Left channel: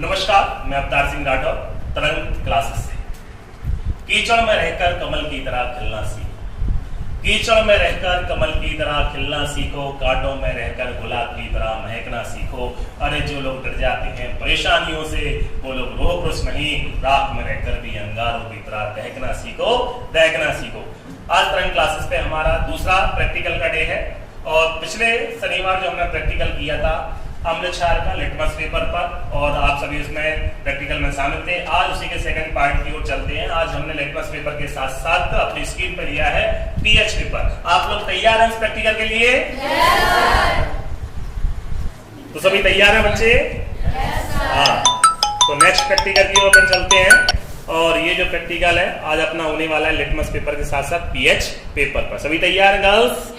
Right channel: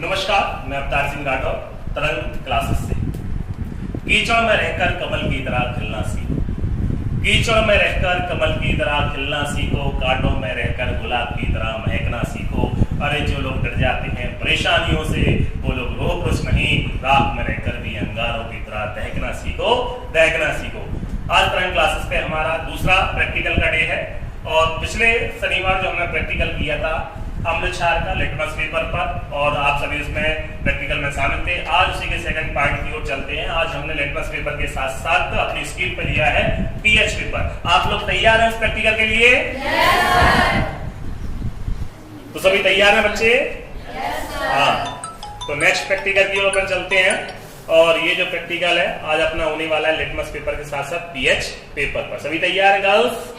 नमस्कार, मैं अवतार सिंह राठौर, तरंग क्लासेस से। कीचड़ में रहकर कमल की तरह खिलना सीखो, कीचड़ में रहकर कमल की तरह खिलना सीखो, कांटों में रहकर गुलाब की तरह महकना सीखो। अरे जो लोग डर जाते हैं परेशानियों से, वो लोग रोह पुरुष नहीं, राख में रहकर भी अंगारों की तरह दहकना सीखो, दहकना सीखो। आज तरंग क्लासेस पे हमारा दूसरा प्रैक्टिकल का डे है और पिछले शनिवार जो हमने प्रैक्टिकल किया था अम्ल क्षार का लिटमस पेपर पर, और आप सभी उसमें प्रैक्टिकल में शामिल थे। आज उसी के सेकंड पार्ट की ओर चलते हैं। आज हमने लिटमस पेपर के साथ साथ अपनी स्क्रीन पर लिया है पीएच पेपर। आप लोग तैयार हैं इस प्रैक्टिकल के लिए? तो सभी तैयार हैं बच्चे? हाँ, तो नेक्स्ट प्रैक्टिकल की ओर अपन चलते हैं। और ये जो प्रैक्टिकल है आज अपना होने वाला है लिटमस पेपर के साथ साथ पीएच पेपर पर। सभी तैयार हैं गर्ल्स?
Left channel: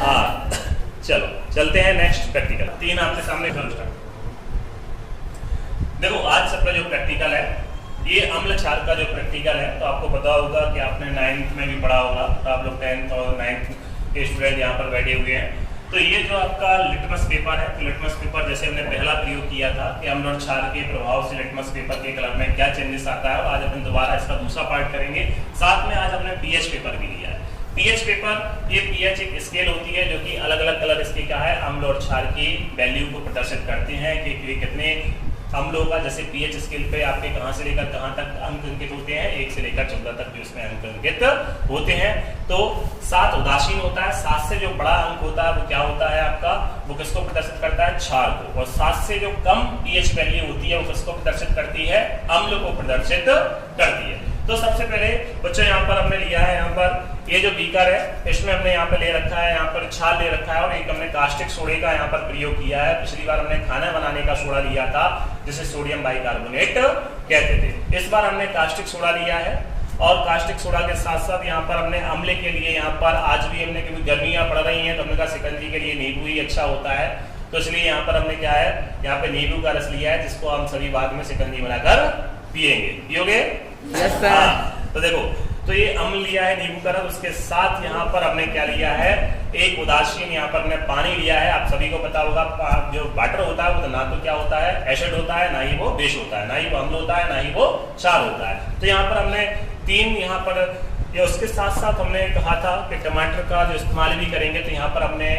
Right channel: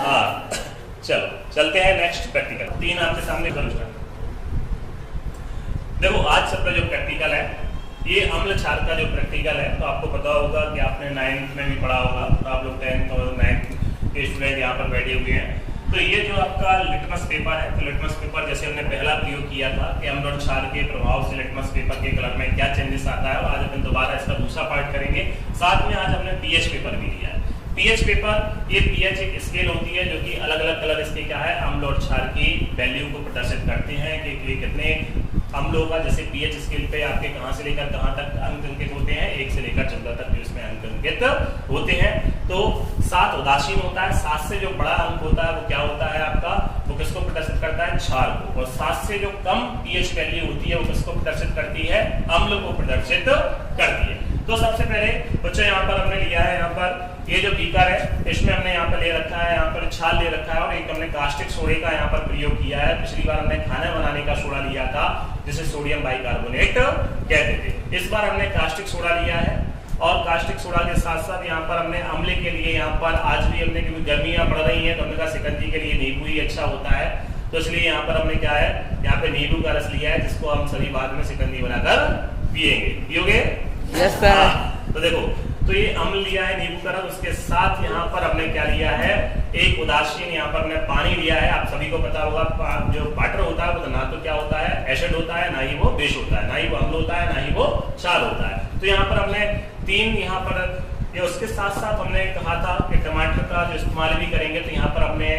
हाँ, चलो चलते हैं नेक्स्ट प्रैक्टिकल। तीन आपके सामने देखो, आज सबका जो प्रैक्टिकल है ये अम्ल क्षार का जो प्रैक्टिकल है। तो आपको पता होगा कि आपने 9th में भी पढ़ा होगा, तो आप लोग 10th और 9th के स्टूडेंट यहाँ पर बैठे हुए हैं। तो ये जो आपका लिटमस पेपर है, तो लिटमस पेपर जैसे हमने पहला प्रयोग किया था कि अम्ल और क्षार के प्रभाव से लिटमस पेपर के कलर में क्या चेंजेस आता है, और आज अपन दोबारा इसका दूसरा पार्ट करेंगे। साथ में आज हमने पीएच पेपर भी लिया है। पीएच पेपर, ये पीएच एक स्केल होती है जो कि अलग अलग कलर इसके क्या है, अम्ल और क्षार की वैल्यू को प्रदर्शित करते हैं कि कितने अम्लों का, जैसे पीएच स्केल पे आपके कहां से लेकर कहां तक अंक अंकित होते हैं, 1 से लेकर 14 तक जो इसमें अंक अंकित होते हैं। तो 7 उदासीन होता है, 7 से जो बड़ा अंक होता है वो क्या होता है आपका, वो किसको प्रदर्शित करता है, क्षार को। और 7 से जो कम पीएच वैल्यू होती है वो किसको प्रदर्शित करती है, अम्ल को प्रदर्शित करती है। तो सबसे पहले बच्चों यहाँ पर हमने लिया है, यहाँ पर ये जो बीकर है इसमें हमने यहाँ पे ले रखा है, यहाँ पर छाल ले रखा है, और एक हमने कास्टिक सोडे का यहाँ पर प्रयोग किया है। पिछली बार हमने खाना बनाने का सोडा लिया था जिसे सोडियम बाइकार्बोनेट कहते थे। इस बार हमने कास्टिक सोडा लिया है, और कास्टिक सोडा के साथ साथ यहाँ पर हमने अम्ल के लिए यहाँ पर आज भी हमने, क्योंकि गर्मियां पड़ रही हैं तो हमने कहा शिकंजी के लिए नींबू ही अच्छा होता है, तो इसलिए यहाँ पर हमने क्या है, यहाँ पे नींबू का रस लिया है जिसको हम सभी बाद में शिकंजी बनाकर पियेंगे। पियोगे? Yes sir. तो देखो, तो ये अम्ल लिया है नींबू का रस, उसके साथ यहाँ पर हमने क्या लिया है, एक उदासीन यहाँ पर हमने पानी लिया है। आप सभी को पता होगा जो वाटर होता है वो तो ना तो क्या होता है, एसिड होता है, ना ही वो बेस होता है, ना ही वो अम्ल होता है, ना ही वो क्षार होता है। तो यहाँ पर हमने 3 यहाँ पर, या उसके साथ साथ हमने कहा था कि टमाटर का जो इस्तेमाल भी करेंगे, तो यहाँ पर हमने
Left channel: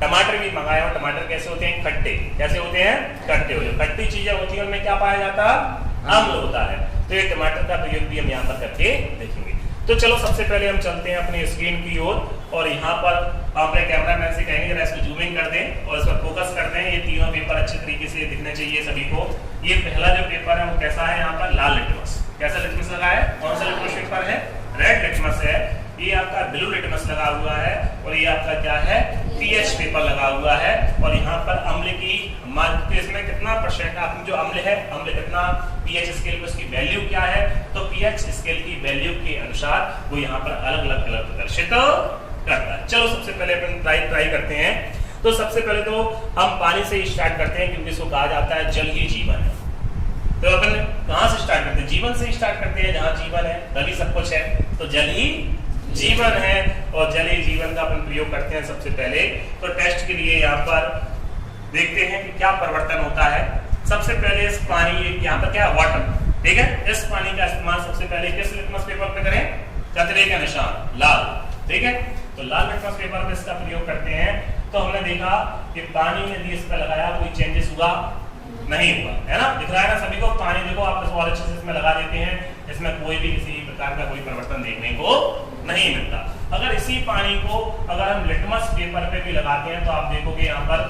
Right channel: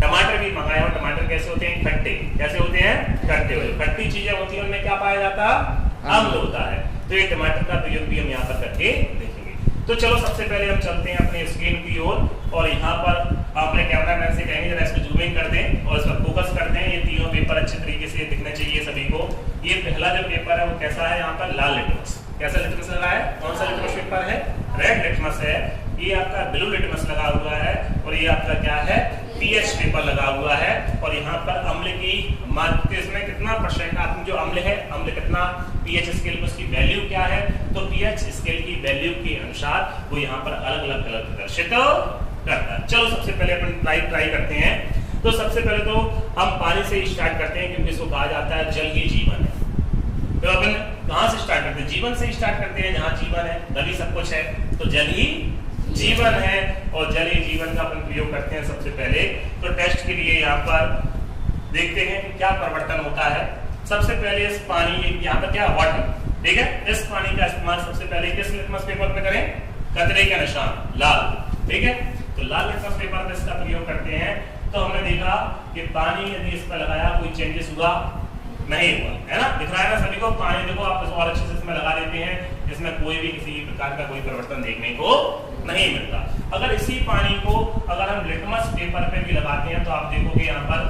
टमाटर भी मंगाया। और टमाटर कैसे होते हैं, खट्टे। कैसे होते हैं, खट्टे होते हैं। खट्टी चीजें होती है उनमें क्या पाया जाता है, अम्ल होता है। तो ये टमाटर का प्रयोग भी हम यहाँ पर करके देखेंगे। तो चलो सबसे पहले हम चलते हैं अपनी स्क्रीन की ओर, और यहाँ पर अपने कैमरामैन से कहेंगे जरा इसको जूम इन कर दें और इस पर फोकस कर दें। ये तीनों पेपर अच्छे तरीके से दिखने चाहिए सभी को। ये पहला जो पेपर है वो कैसा है, यहाँ पर लाल लिटमस। कैसा लिटमस लगा है, कौन सा लिटमस पेपर है, रेड लिटमस है। ये आपका ब्लू लिटमस लगा हुआ है, और ये आपका क्या है, पीएच पेपर लगा हुआ है। और यहाँ पर अम्ल की मात्रा, इसमें कितना परसेंट आप जो अम्ल है, अम्ल कितना पीएच स्केल पर उसकी वैल्यू क्या है, तो पीएच स्केल की वैल्यू के अनुसार वो यहाँ पर अलग अलग कलर प्रदर्शित करता है। चलो सबसे पहले अपन ट्राई करते हैं। तो सबसे पहले तो हम पानी से स्टार्ट करते हैं, क्योंकि इसको कहा जाता है जल ही जीवन है। तो अपन कहाँ से स्टार्ट करते हैं, जीवन से स्टार्ट करते हैं। जहाँ जीवन है तभी सब कुछ है, तो जल ही जीवन है, और जल ही जीवन का अपन प्रयोग करते हैं सबसे पहले। तो टेस्ट के लिए यहाँ पर देखते हैं कि क्या परिवर्तन होता है। सबसे पहले इस पानी, यहाँ पर क्या वाटर, ठीक है, इस पानी का इस्तेमाल सबसे पहले किस लिटमस पेपर पे करें, कचरे का निशान लाल, ठीक है। तो लाल लिटमस पेपर पे इसका प्रयोग करते हैं। तो हमने देखा कि पानी यदि इस पर लगाया कोई चेंजेस हुआ नहीं हुआ, है ना, दिख रहा है ना सभी को। पानी देखो आप इसको और अच्छे से इसमें लगा देते हैं, इसमें कोई भी किसी प्रकार का कोई परिवर्तन देखने को नहीं मिलता। अगर इसी पानी को अगर हम लिटमस पेपर पे भी लगाते हैं तो आप देखोगे यहाँ पर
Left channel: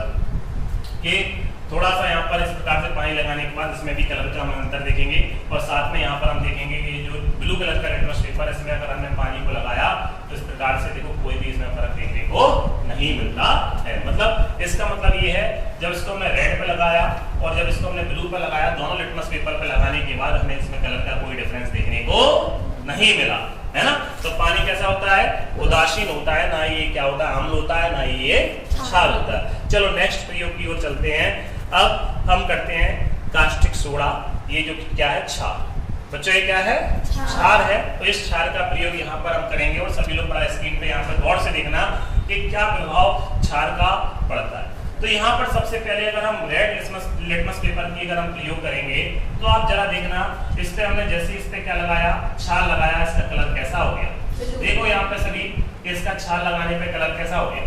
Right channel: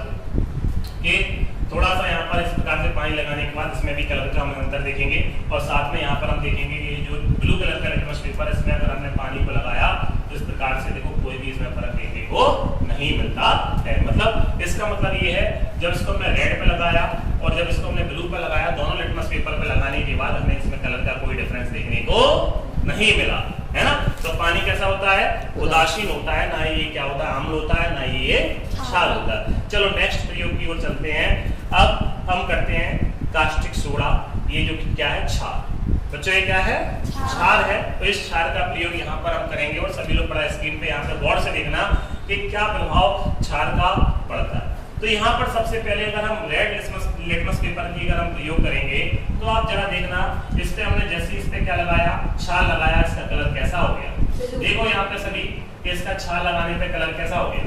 कि थोड़ा सा यहाँ पर इस प्रकार से पानी लगाने के बाद इसमें भी कलर का हम अंतर देखेंगे। और साथ में यहाँ पर हम देखेंगे कि जो ब्लू कलर का लिटमस पेपर है, इसमें अगर हमने पानी को लगाया तो इस प्रकार से देखो कोई भी इसमें फर्क देखने को नहीं मिलता है। मतलब इसका मतलब ये है, जब इसको हमने रेड पे लगाया और जब इसको हमने ब्लू पे लगाया, दोनों लिटमस पेपर पे लगाने के बाद हमें इसमें कलर का कोई डिफरेंस देखने को नहीं मिला, है ना। तो पानी कैसा होता है, उदासीन होता है, ना ये क्या होता है, अम्ल होता है, ना ये क्षार होता है। चलो नेक्स्ट प्रयोग की ओर चलते हैं। अब हम करते हैं कास्टिक सोडा। ये जो क्या है, क्षार। बच्चों ये क्या है, क्षार है। तो इस क्षार का प्रयोग यहाँ पर हम करेंगे, और सभी लोग बड़ा स्क्रीन पे यहाँ पर गौर से देखना कि क्या प्रभाव क्षार का पड़ता है। तो यहाँ पर सबसे पहले अगर हम रेड लिटमस पेपर की अगर हम प्रयोग करेंगे तो आप जरा देखना, इस पे हमने जैसे इस पे क्या लगाया, छाल लगाया, इसका कलर कैसा हो गया। देखो यहाँ पे सभी, इसका छाल लगाने पे कलर कैसा हो गया,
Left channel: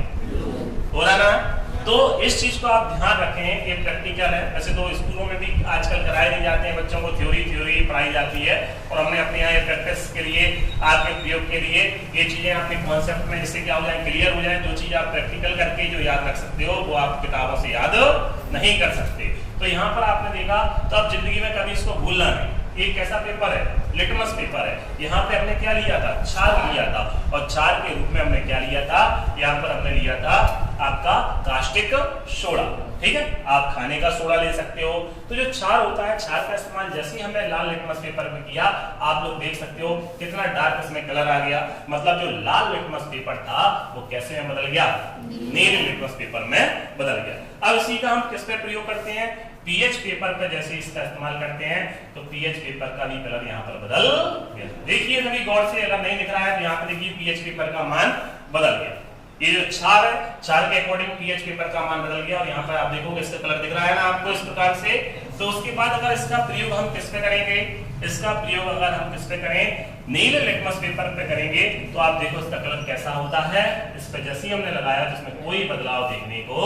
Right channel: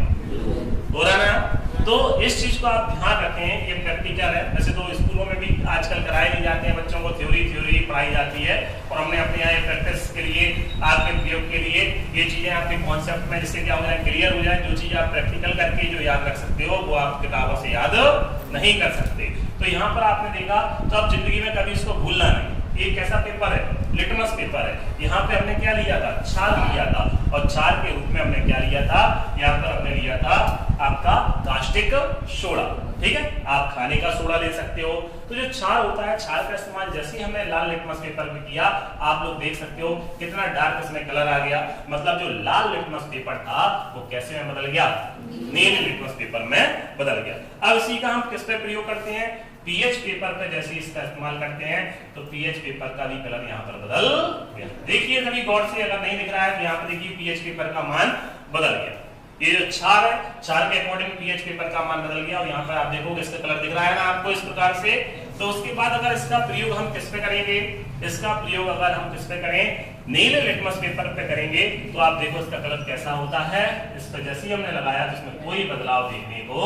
हो रहा ना। तो इस चीज को आप ध्यान रखें, ये प्रैक्टिकल है। वैसे तो स्कूलों में भी आजकल कराए नहीं जाते हैं, बच्चों को थ्योरी पढ़ाई जाती है, और हमने अपने यहाँ ये प्रैक्टिस के लिए, आपके प्रयोग के लिए ये चीजें अपने कॉन्सेप्ट में इससे क्या हो जाए, क्लियर हो जाए। जो चीज आप प्रैक्टिकल करके जो याद रख सकते हो वो आप किताबों से याद नहीं कर सकते। तो यहाँ पर आपने देखा, तो आप जिंदगी में कभी इसको भूलना नहीं। ये कैसा पेपर है, लिटमस पेपर है। यहाँ पे हमने क्या लिया था, छाल लिया था, और छाल के रूप में हमने क्या लिया था, यहाँ पर हमने लिया था आपका कास्टिक सोडा। ठीक है, आप खाने का सोडा ले सकते हो। तो जो छाल होता है, छाल का इस्तेमाल जैसे ही हमने लाल लिटमस पेपर में किया, आप लोग देख सकते हो कितना डार्क इसमें कलर आ गया। मतलब जो लाल लिटमस पेपर था वो कैसे में बदल गया, नीले लिटमस पेपर में बदल गया। अब इसी का हम किस पे प्रयोग करते हैं, पीएच पेपर पे जैसे इसका इस्तेमाल करते हैं, तो पीएच पेपर का भी कलर यहाँ पर बदल गया। देखिए सभी गौर से, अगर नहीं दिख रहा है तो यहाँ पर देखिए पीएच पेपर का मान बदल गया। ये जो छाल है, छाल के अकॉर्डिंग पीएच पेपर का मान बदल गया, और यहाँ पर आप देखोगे इसका कलर दिख रहा है ना आपको इस प्रकार से। तो उसके बाद अगर इसका प्रयोग हम किस पे करेंगे, इसका प्रयोग अगर हम किस पे करें, नीले लिटमस पेपर पे करेंगे, तो आप देखो इसका कलर कैसा होता है। इस पे जैसे ही हमने लगाया तो इसमें कोई बदलाव देखने को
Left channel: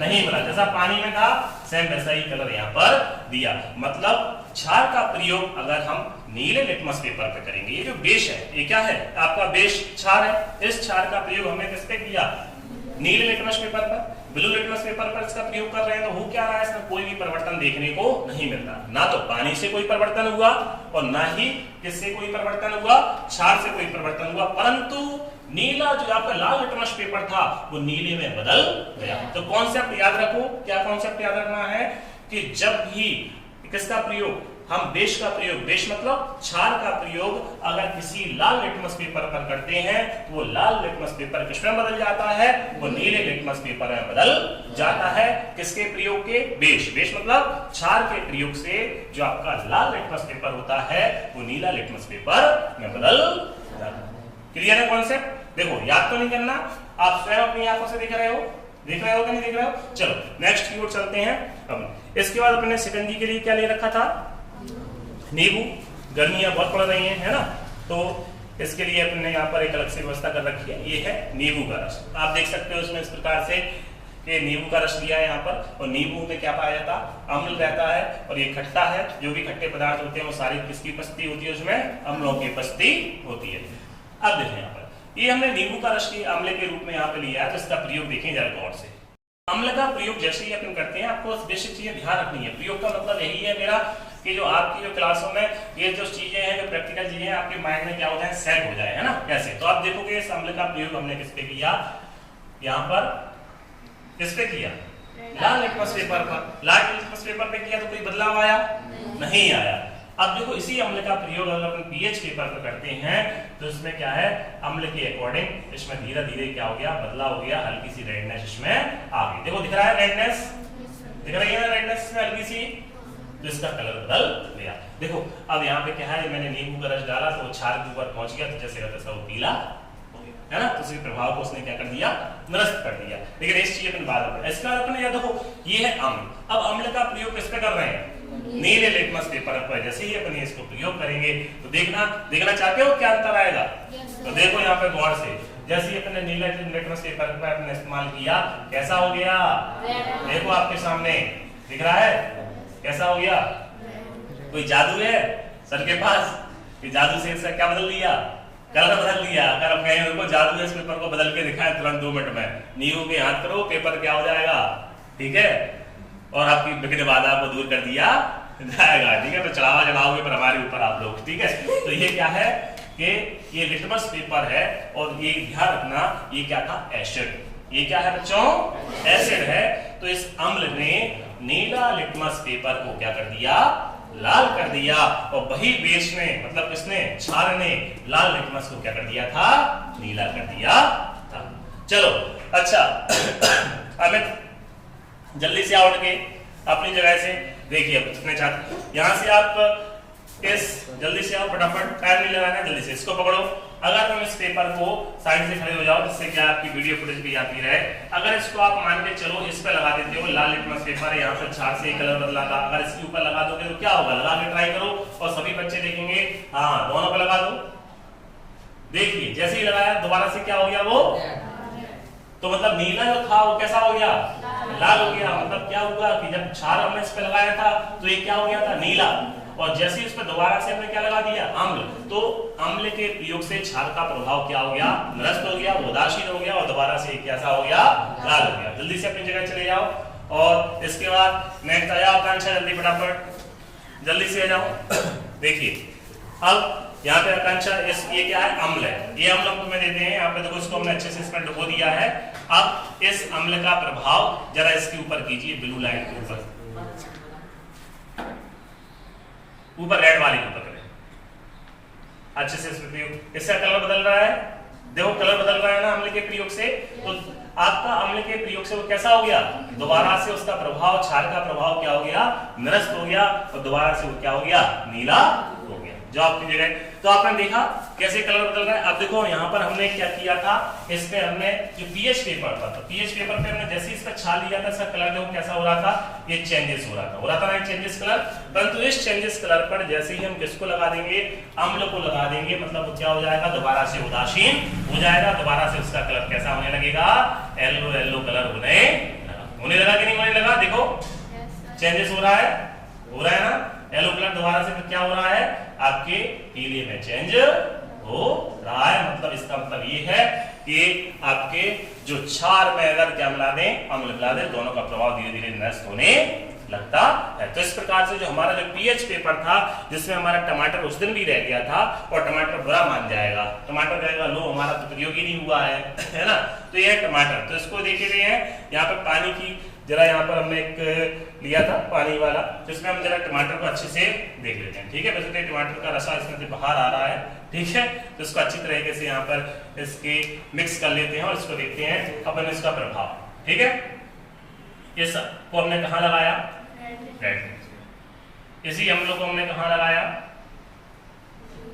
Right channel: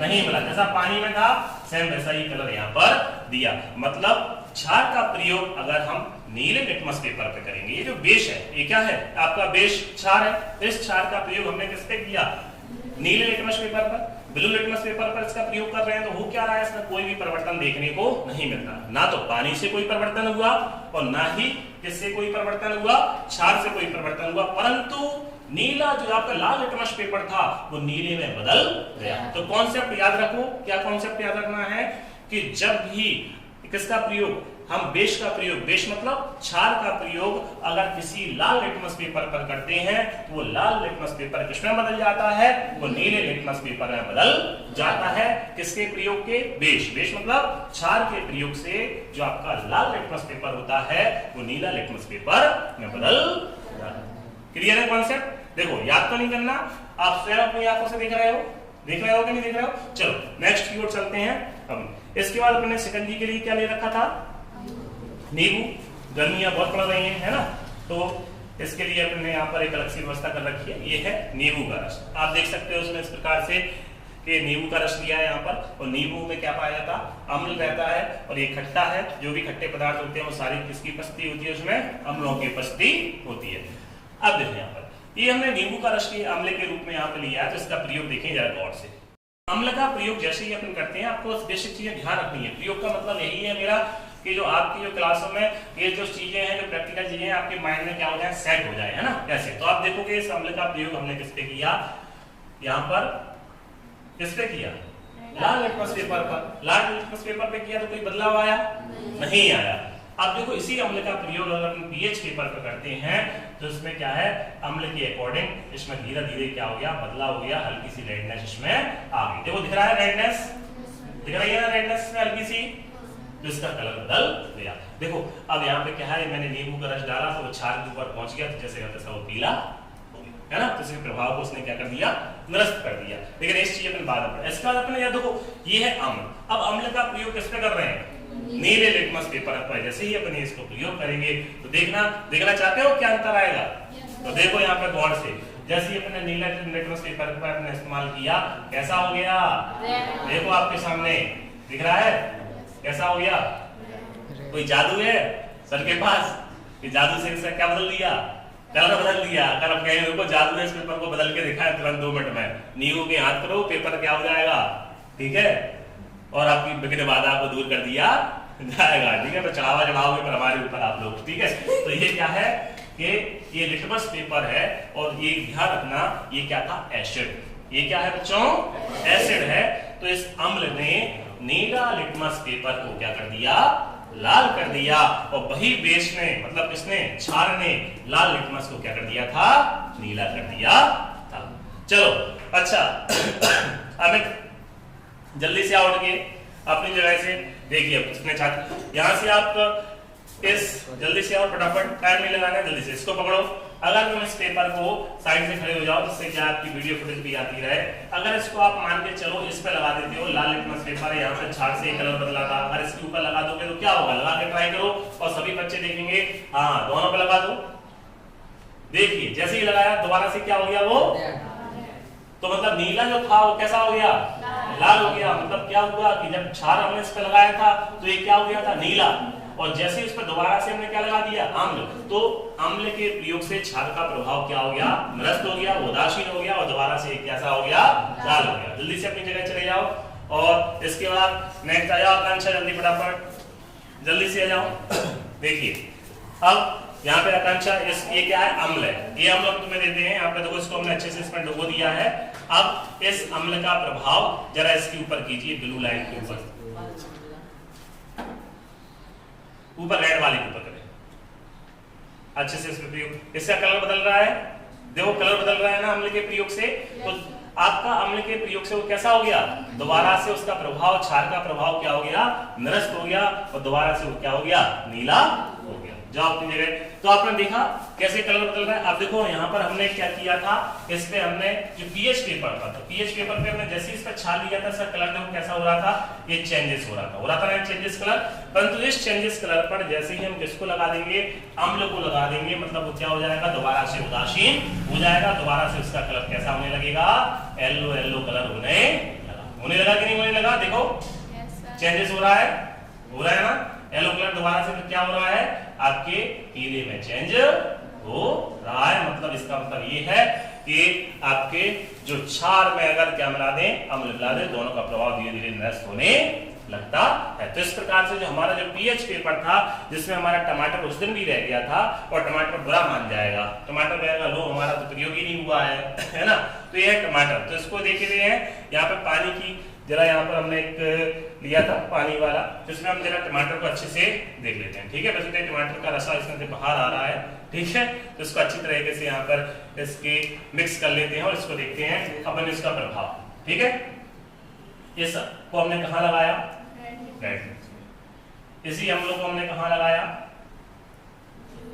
नहीं मिला, जैसा पानी में था सेम वैसा ही कलर यहाँ पर दिया। मतलब छाल का प्रयोग अगर हम नीले लिटमस पेपर पे करेंगे, ये जो बेस है, ये क्या है आपका बेस छाल है, इस छाल का प्रयोग हमने किस पे किया, नीले लिटमस पेपर पर, ब्लू लिटमस पेपर पर इसका प्रयोग कर रहे हैं, तो हो क्या रहा है, इसमें कोई भी परिवर्तन देखने को नहीं मिल रहा। ना तो पानी से कोई परिवर्तन हुआ और ना ही किससे कोई परिवर्तन हुआ, छाल से कोई परिवर्तन हुआ, परंतु नीला जो आपका लाल लिटमस पेपर था वो नीले में बदल गया। तो कॉन्सेप्ट याद रखो, क्या कॉन्सेप्ट याद रखना है कि जब भी किसका प्रयोग, हम बेस का प्रयोग, बेस मतलब छाल का प्रयोग अगर किसी लाल लिटमस पेपर पर करते हैं, वो लाल लिटमस पेपर किसमें बदल जाता है, वो नीले लिटमस पेपर में बदल जाता है। किसके प्रयोग के, बेस। बेस मतलब छाल के प्रयोग से जो आपका लाल लिटमस पेपर होता है वो नीला लिटमस पेपर में बदल जाता है। क्लियर है कॉन्सेप्ट? देखो याद तो नहीं करना, आप स्वयं अपनी आंखों से देख रहे हो, देख रहे हो कि नहीं देख रहे हो। चलो नेक्स्ट की ओर चलते हैं। अब इसके बाद अपने शिकंजी के लिए क्या ले रखा था, नींबू। गर्मियां बहुत पड़ रही हैं, है ना, तो इसके लिए अपने यहाँ पर एक अलग से व्यवस्था कर रखी है। ये है नींबू का रस। आप देख सकते हो इसमें इस प्रकार से कि नींबू का रस लिया है यहाँ पर, और नींबू में क्या पाया जाता, अम्ल रहता है, और ये खट्टा है। जो भी खट्टे पदार्थ होते हैं वो सारी किसकी उपस्थिति होती है, उसमें अम्लों की उपस्थिति होती है। अब देखिए यहाँ पर ये हमने नींबू का रस अम्ल के रूप में यहाँ पे लिया है, तो इसका प्रयोग देखें जरा गौर से। अम्ल का प्रयोग जैसे ही अपन करते हैं, आपको बेसिक चीजें ध्यान रखनी है। प्रयोग का मतलब यही है मेरा कि जो आपकी जो क्लासों में ये जो चीजें हैं, जो प्रैक्टिकल चीजें हैं, आपके माइंड में क्या हो जाए, सेट हो जाए, है ना, कैसे। तो आप देखोगे इस अम्ल का प्रयोग हमने किस पे किया, यहाँ पर किस पे किया, लाल लिटमस पेपर पर। लाल लिटमस पेपर पे किया तो कोई बदलाव आया नहीं आया। अब देखो इसी अम्ल का प्रयोग अगर हम पीएच पेपर पर करते हैं, तो इसमें क्या है, अम्ल के अकॉर्डिंग इसमें धीरे धीरे क्या हो गया, बदलाव हो गया, हल्की सी रेडनेस इसमें आ गई। देखो दिख रहा है रेडनेस, दिख रही है रेडनेस में हल्की सी, तो इसका कलर बदल गया। देखो अब यहाँ पे क्या है, मैंने नींबू का रस डाला तो छाल के ऊपर पहुंच गया, तो जैसे रहता वो पीला हो गया, है ना, तो इसके प्रभाव को उसने क्या कर दिया, निरस्त कर दिया। लेकिन इस चीज अपन बाद में, इसका अपने ये देखो ये है अम्ल। अब अम्ल का प्रयोग किस पे कर रहे हैं, नीले लिटमस पेपर पर। जैसे ही अपन इसको प्रयोग करेंगे तो देखना चाहते हो क्या अंतर आएगा, तो देखो यहाँ पे गौर से, जैसे ही अपने नीले लिटमस पेपर पर अपने इस्तेमाल किया, कैसा हो गया, देखो आपके सामने दिख रहा है, कैसा हो गया। कोई जादू है सर के पास, कि जादू से क्या बदल दिया, कलर बदल दिया। अगर हम कहें को जादू है इस पेपर को बदल के दिखाए तुरंत 2 मिनट में, नींबू के हाथ करो, पेपर क्या हो जाएगा, ठीक है, और आपकी विघ्न बाधा को दूर कर दिया जाएगा, ठीक है। तो चढ़ावा चढ़ाओगे पर हमारे ऊपर आप लोग, ठीक है। तो ये क्या है कि ये लिटमस पेपर है, और ये ध्यान रखना ये क्या था, एसिड। ये क्या है बच्चों, एसिड है। तो इस अम्ल ने नीला लिटमस पेपर को क्या कर दिया, लाल कर दिया, और वही बेस ने मतलब किसने, छाल ने लाल लिटमस को क्या कर दिया था, नीला कर दिया था। चलो अच्छा अमित जल्दी से उठ के अपनी जगह से देखिए कितने छात्र, यहां से आप इस जल्दी से आओ, फटाफट टाइम नहीं लगाना, जल्दी से इसको पकड़ो, अगर तुम इस पेपर को साइड से खड़े हो जाओ, जिससे कि आपकी वीडियो फुटेज भी आती रहे, अगर इसको आप मान के चलो इस पे लगा देते हो, लाल लिटमस पेपर है, यहाँ पे छाट से एक कलर बदला था, अगर इसके ऊपर लगा दोगे तो क्या होगा, लगा के ट्राई करो और सभी बच्चे देखेंगे, हाँ दोनों पे लगा दो, देखिए जैसे ही लगाया दोबारा से क्या हो गया वो, तो मतलब नीला जो था वो कैसा हो गया, लाल हो गया। मतलब क्या हुआ कि जब क्षार हमने इस पे लगाया था तो ये क्या हो गया था, नीला, और जैसे इस पे दोबारा से हमने क्या लगा दिया, अम्ल, तो अम्ल के प्रयोग से क्षार का प्रभाव क्या हो गया, निरस्त हो गया, उदासीन हो गया, और दोबारा से कैसा हो गया, लाल हो गया। जल्दी से अपनी जगह चले जाओ। और इसके बाद नेक्स्ट आ जाओ आकांक्षा, जल्दी फटाफट जल्दी से आ जाओ। देखिए अब यहाँ पे आकांक्षा ये क्या है, अम्ल है, ये अम्ल हम तुम्हें देते हैं, यहाँ पे देखो इसको हमने अच्छे से इस पर डुबो दिया है। अब इस अम्ल का प्रभाव जरा इसके ऊपर कीजिए, ब्लू लाइन के ऊपर, ऊपर रेड वाली के ऊपर करें अच्छे से, इसमें प्रयोग, इसका कलर बदल रहा है, देखो कलर बदल रहा है ना अम्ल के प्रयोग से। तो आपका अम्ल के प्रयोग से वो कैसा हो गया, दोबारा से उसका प्रभाव, क्षार का प्रभाव क्या हो गया, निरस्त हो गया, और दोबारा से वो क्या हो गया, नीला हो गया। जो अपनी जगह, तो आपने देखा कैसे कलर बदल रहा है। अब देखो यहाँ पर हमने क्या किया था, इस पे हमने जो पीएच पेपर था, तो पीएच पेपर पे हमने जैसे इस पे छाल लिया था, इसका कलर देखो कैसा हो रहा था, ये चेंजेस हो रहा था ना चेंजेस कलर। परंतु इस चेंजेस कलर पर जैसे ही हम किसको लगा देंगे, अम्ल को लगा देंगे, मतलब वो क्या हो जाएगा, दोबारा से उदासीन हो जाएगा, दोबारा से उसका कलर कैसा होने लगेगा, येलो येलो कलर होने लगा कि नहीं होने लगा, देखो चेंजेस हो रहा है ना, येलो कलर दोबारा से क्या हो रहा है, आपके पीले में चेंज हो रहा है। मतलब इसका मतलब ये है कि आपके जो क्षार में अगर क्या मिला दें, अम्ल मिला दें, दोनों का प्रभाव धीरे धीरे नष्ट होने लगता है। तो इस प्रकार से जो हमारा जो पीएच पेपर था, जिसमें हमारा टमाटर उस दिन भी रह गया था, और टमाटर बुरा मान जाएगा, टमाटर कहेगा लो हमारा तो प्रयोग ही नहीं हुआ है ना, तो ये है टमाटर। तो इसको देख रहे हैं यहाँ पे पानी की, जरा यहाँ पर हमने एक लिया था पानी वाला, जिसमें हम जरा टमाटर को अच्छे से देख लेते हैं, ठीक है। वैसे तो टमाटर का रसा इसमें से बाहर आ रहा है, ठीक है, तो इसको अच्छी तरीके से यहाँ पर इसके मिक्स कर लेते हैं और इसको देखते हैं अपन इसका प्रभाव, ठीक है। ये सब को हमने कहाँ लगाया, रेड, इसी अम्लों को हमने कहाँ लगाया,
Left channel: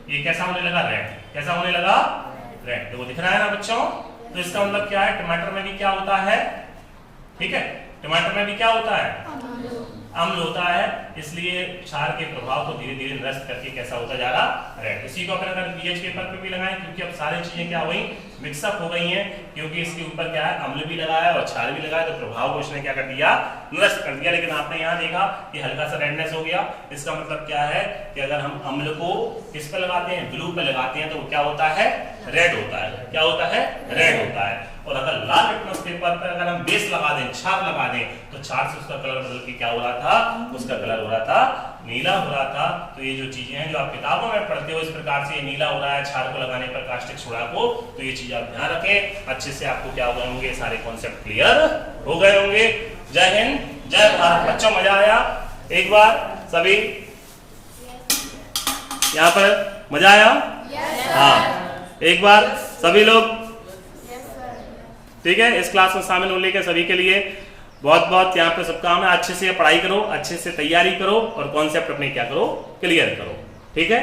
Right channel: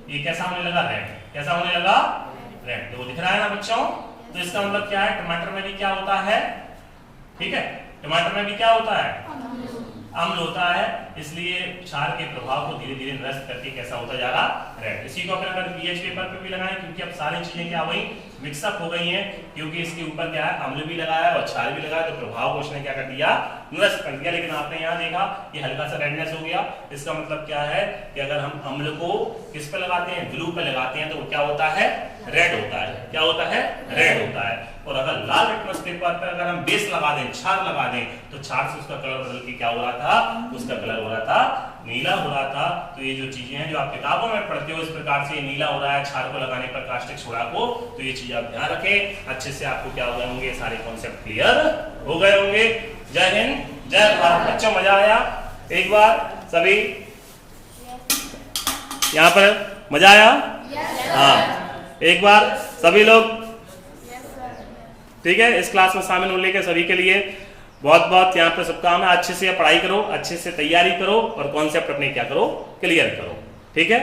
ये कैसा होने लगा, रेड, कैसा होने लगा, रेड, तो वो दिख रहा है ना बच्चों। तो इसका मतलब क्या है, टमाटर में भी क्या होता है, ठीक है, टमाटर में भी क्या होता है, अम्ल होता है, इसलिए क्षार के प्रभाव को धीरे धीरे नष्ट करके कैसा होता जा रहा, रेड। इसी को अगर पीएच पेपर पे भी लगाएं, क्योंकि अब सारी चीजें क्या हुई, मिक्सअप हो गई हैं, क्योंकि इसके ऊपर क्या है, अम्ल भी लगाया है और क्षार भी लगाया, तो प्रभाव को इसने क्या कर दिया, नष्ट कर दिया। लेकिन आपने यहाँ देखा कि हल्का सा रेडनेस हो गया, इसका मतलब क्या है कि अगर हम अम्ल को किस पे लगाते हैं, ब्लू पे लगाते हैं, तो वो क्या होता है, रेड होता है, क्या होता है, रेड होता है। और अगर लाल लिटमस पेपर पर अगर हम बेस लगा दें, क्षार लगा दें, तो क्षार से उसका कलर बदल के क्या हो रहा था, उसका कलर हो रहा था, नीला हो रहा था। तो ये जो चीजें हैं जो आप किताबों में पढ़ते हो, इस प्रकार से नीला हो रहा है क्षार को लगाने पर, कास्टिक सोडा को, तो ये चीज आप ध्यान रखें अच्छे से, आपको क्या हो गए होंगे, सारे कॉन्सेप्ट क्लियर हो गए होंगे। जय हिंद, जय भारत। बच्चों मजा आया, एक बार सभी यहाँ पर मजा आया, हाँ एक बार सभी लोग, ठीक है। इस क्लास में शामिल होने के सभी के लिए बहुत बहुत यहाँ पे शुभकामनाएं। अच्छे से पढ़ाई करो, अच्छे से तैयारी करो और कॉन्सेप्ट अपने क्या करो, क्लियर करो, ठीक है।